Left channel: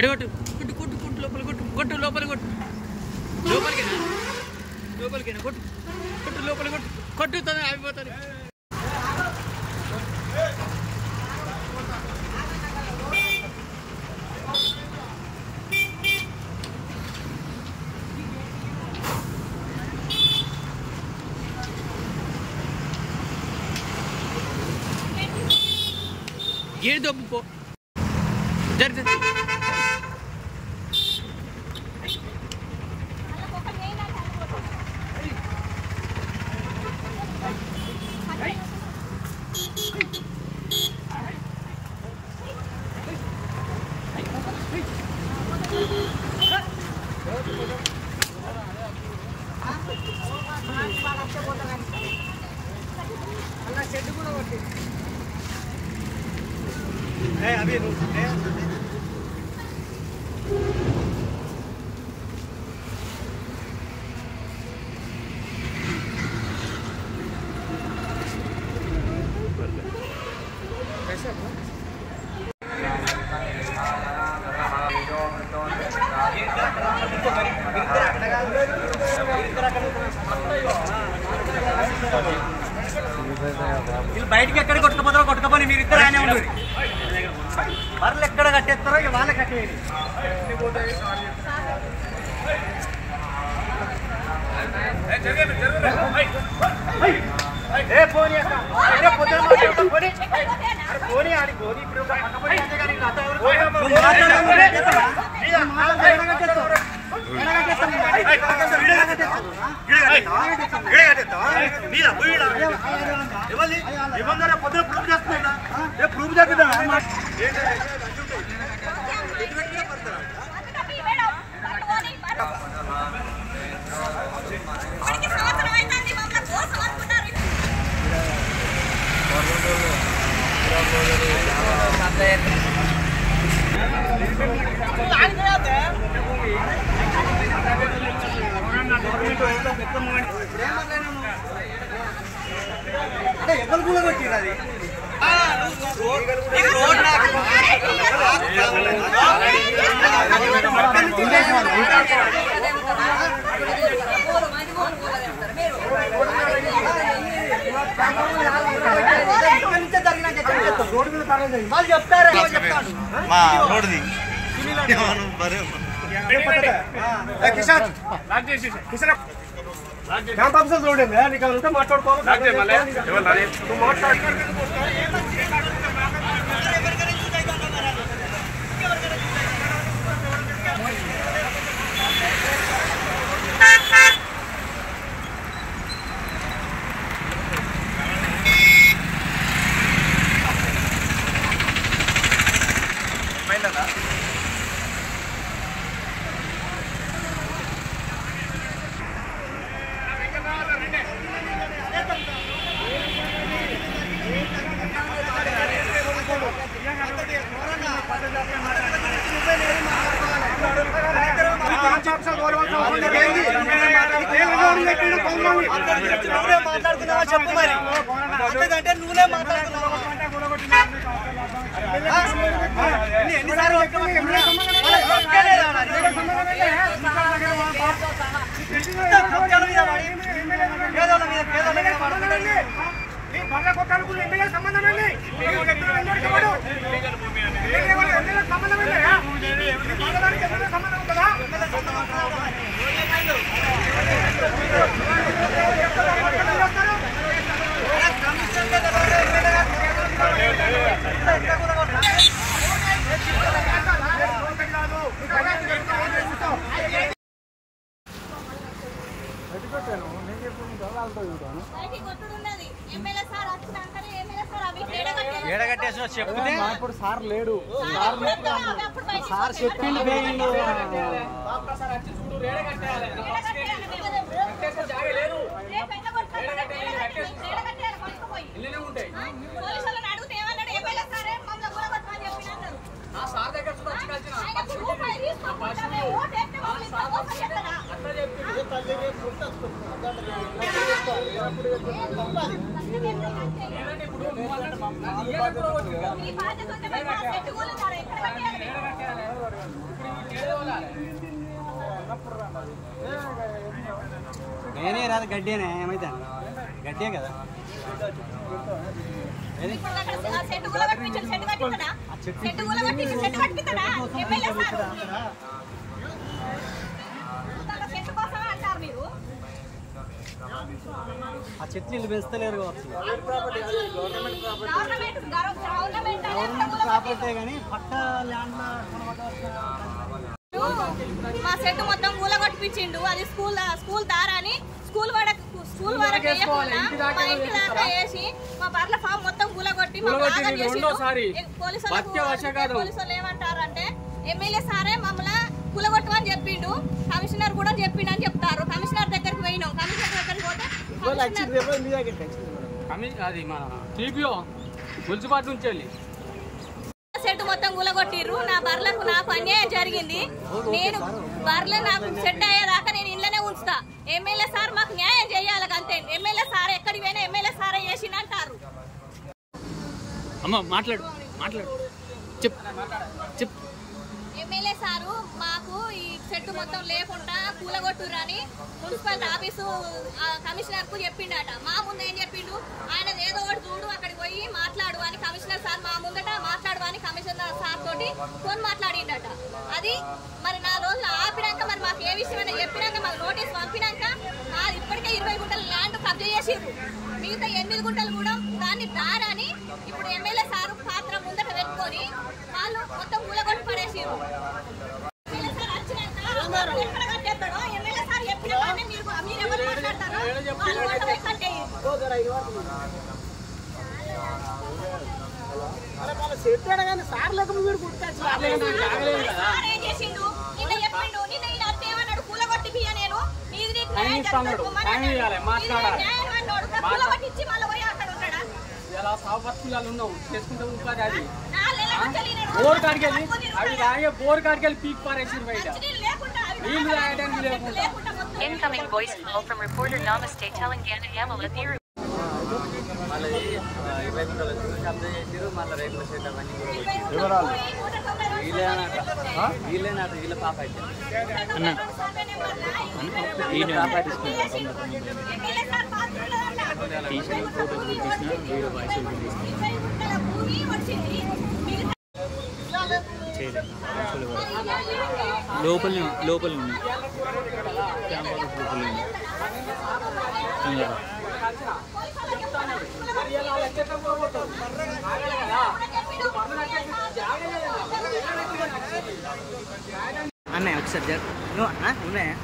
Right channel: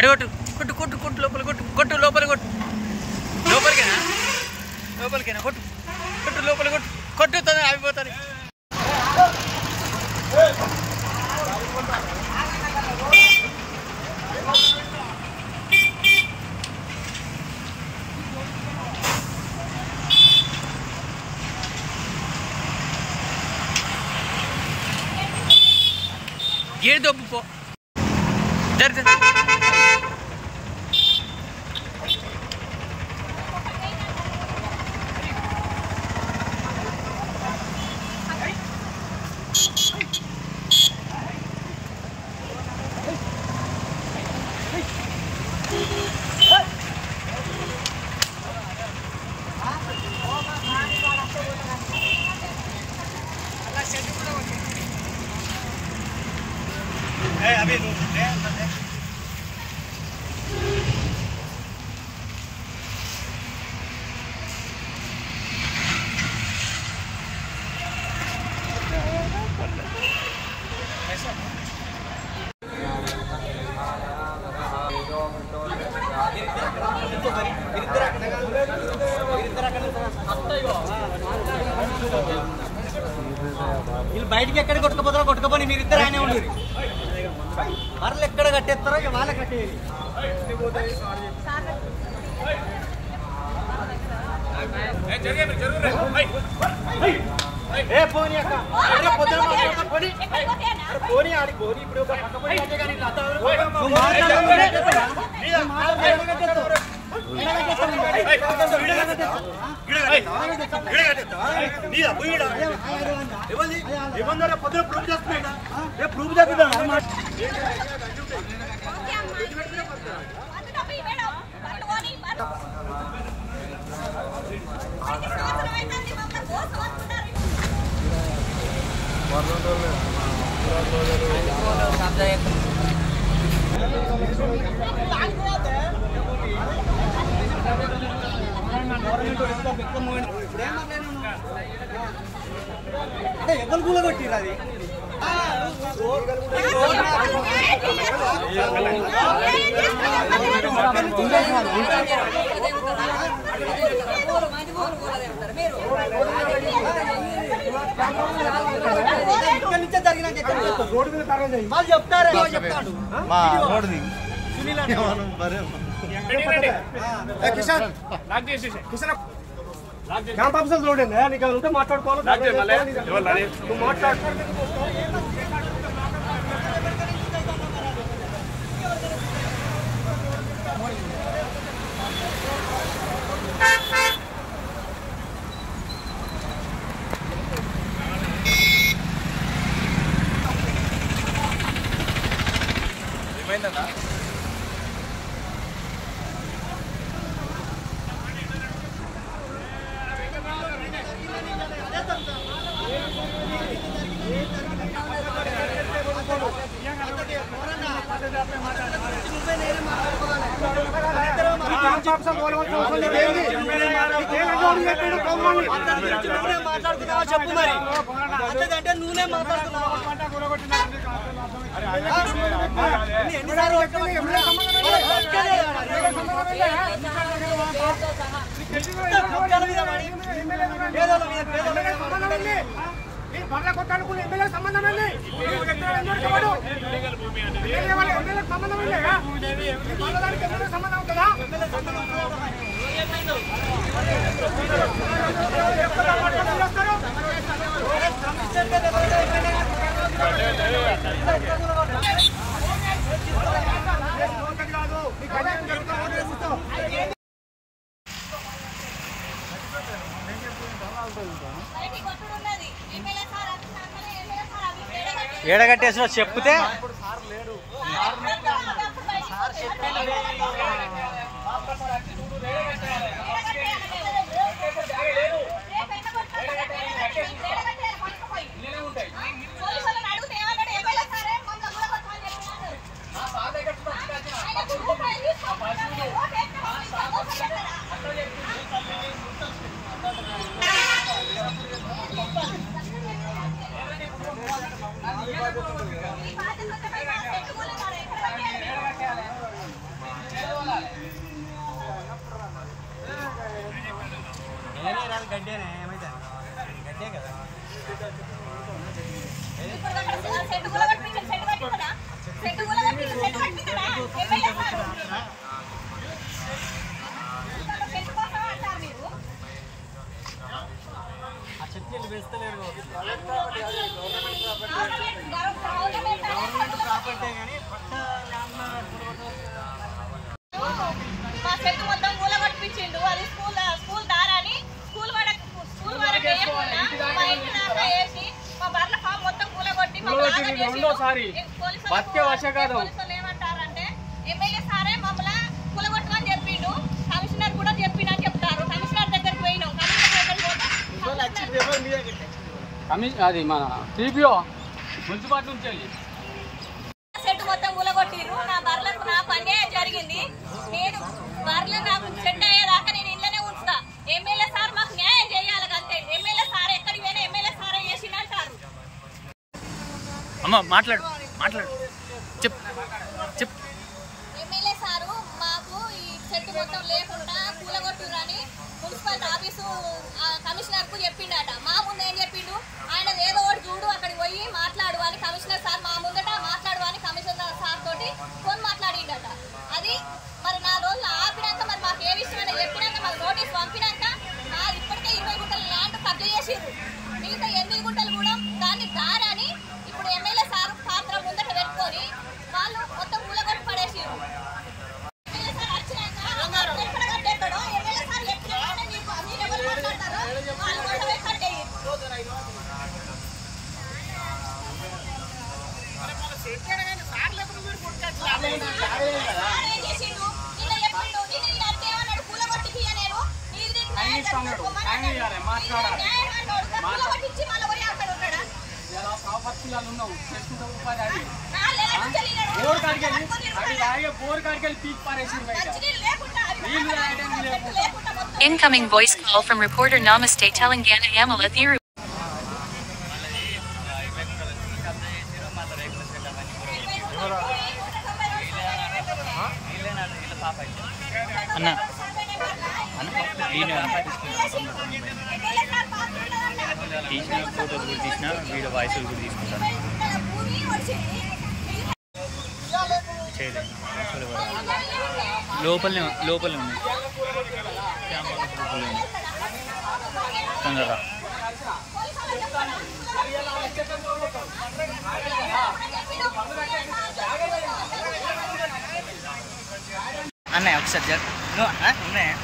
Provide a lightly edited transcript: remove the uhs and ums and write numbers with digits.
అడిగొట్టు కొట్టు కొట్టు కొట్టు లోపల కొట్టు కొట్టు లోపల కొట్టు లోపలికేనా లోపలికేనా కొట్టు కొట్టు లోపల కొట్టు కొట్టుతుంది ఆగిపోతుంది గేట్ దొబ్బు పో జరి అలా షెడ్ కూడా కొట్టింది अभी బయటికి ఎక్కడ కొట్టుకుపోతారో కొట్టుకుపోయి మీరు ఇద్దరు ఆయన ఉండరు మరలు ఎక్కడ కట్టేస్తారో ఇక వాళ్ళే కట్టేయాలి పొద్దున ప్రూఫ్ చేస్తున్నా ప్రూఫ్ చేద్దా ఎవరు కూడా కొట్టిరు అది రోడ్డు మీద వాళ్ళు చెప్తారు చెప్తాడు క్యాంప్ ఆఫీసర్ రోడ్ అండి నీకు ఉంటే మాట్లాడుకోవాలి మాట్లాడు మాట్లాడుతున్నావా చెప్పు మరి అంతకంటే నువ్వే మాట్లాడుతున్నావా భర్త కొట్టాలకు ఎమ్మెల్యే సంబంధం ఏంటి సంబంధం ఏంటి సంబంధం ఉంటుందా ఏడగట్టేసిన చెప్తే సార్ లేడు ఈ బాధ్యత కాదు గడ్డేనే ఏమైతే గడ్డే కదా ఆ చెట్లు వీళ్ళు పెంచుతలేరు కానీ పక్క ల్యాండ్ మా చెట్టు మొత్తం ఊల కొట్టిపించిండు. అది స్కూల్ దారాని స్కూల్ వరకు వేయకుండా మా ఇంటి దాకా వేసి మా బర్ల ఫామ్ మొత్తం కూలగొట్టి పోలీసులు ఏమంటారంటే ఎమ్మెల్యే సారే మమ్మల్ని కూలగొట్టమని చెప్పిండు, కమిషనర్ కూడా చెప్పిండు అని చెప్తారు. కమిషనర్ దగ్గరికి పోయినాం. కమిషనర్ దగ్గరికి పోతే అది మన టీపీఓ మున్సిపాలిటీ నుంచి వెళ్ళి సెట్ మొత్తం కూలగొట్టిర్రు. నా బర్లకు నాకు అన్యాయం జరిగింది. నేను బర్రెలు నాకు సెట్ అయ్యేదాకా నేను ఇంట్లోనే ఉంచుతా. ఎమ్మెల్యే సార్ మాకు న్యాయం చేయాలి అంతే. ఎమ్మెల్యే సార్ ఎక్కడికి పోయినా ఎమ్మెల్యే సారే చేసిందంటారు. అమ్మ మాట్లాడు చెప్పు. ఎమ్మెల్యే సారు మాకు ఈ చెట్టు మొత్తం లేకుండా కూలగొట్టురని మున్సిపాలిటీ ఆఫీసు కమిషనర్ కు చెప్పిండట. మా ముందు ఏం చెప్పిండు, ఆయన ఏదో ఒకటి చూడు అక్కడికి పోయి మాట్లాడు అని కమిషనర్ సార్ మా ముందట మాట్లాడు అని కమిషనర్ సార్ తోటి ఫోన్ మాట్లాడిండట. అది మరి 4 రోజులు ఆపినాక మరి మాకు ఏ విషయం అని చెప్పినాక మాకు నోటీస్ పంపినాక ఇప్పటికే 20 గుంటల ల్యాండ్ కబ్జా చేసిర్రు. మిగతా 8 గుంటలు కూడా దాన్ని దారని ఇప్పుడు ఎమ్మెల్యే సారు పాత్ర ముందట పెట్టుకొని వాళ్ళు మొత్తం కూలగొట్టి పడేసిర్రు. ఎమ్మెల్యే సార్ వచ్చినాక ఎక్కడ కట్టేస్తాడో ఎమ్మెల్యే సార్ చెప్పిన కానీ మీరు ఎవరు మాట్లాడతారో వాళ్ళు కూడా పోయి కట్టేయరు. సార్ ఏం చేసిండు, నిన్న చెప్పిండు, నిన్న ఈయన అత్త ఏమన్నాడు, కూలగొట్టి పియ్య నేను నీది న్యాయం అన్నాడు. కూలగొట్టించి మళ్ళీ పోయి అక్కడ ఉన్నాడా? Incoming voice call from reporter Namaste Telangana Yamala Thiru. తీసిన ఫోటోస్ కూడా తీసిన వీడియో వాయిస్ కూడా తీసుకున్నాను. లోపలనే ఉన్నాయి క్యాంపస్ లోపలనే ఉన్నాయి. తొందరగా అన్నయ్య ఒకసారి ఉన్నాయా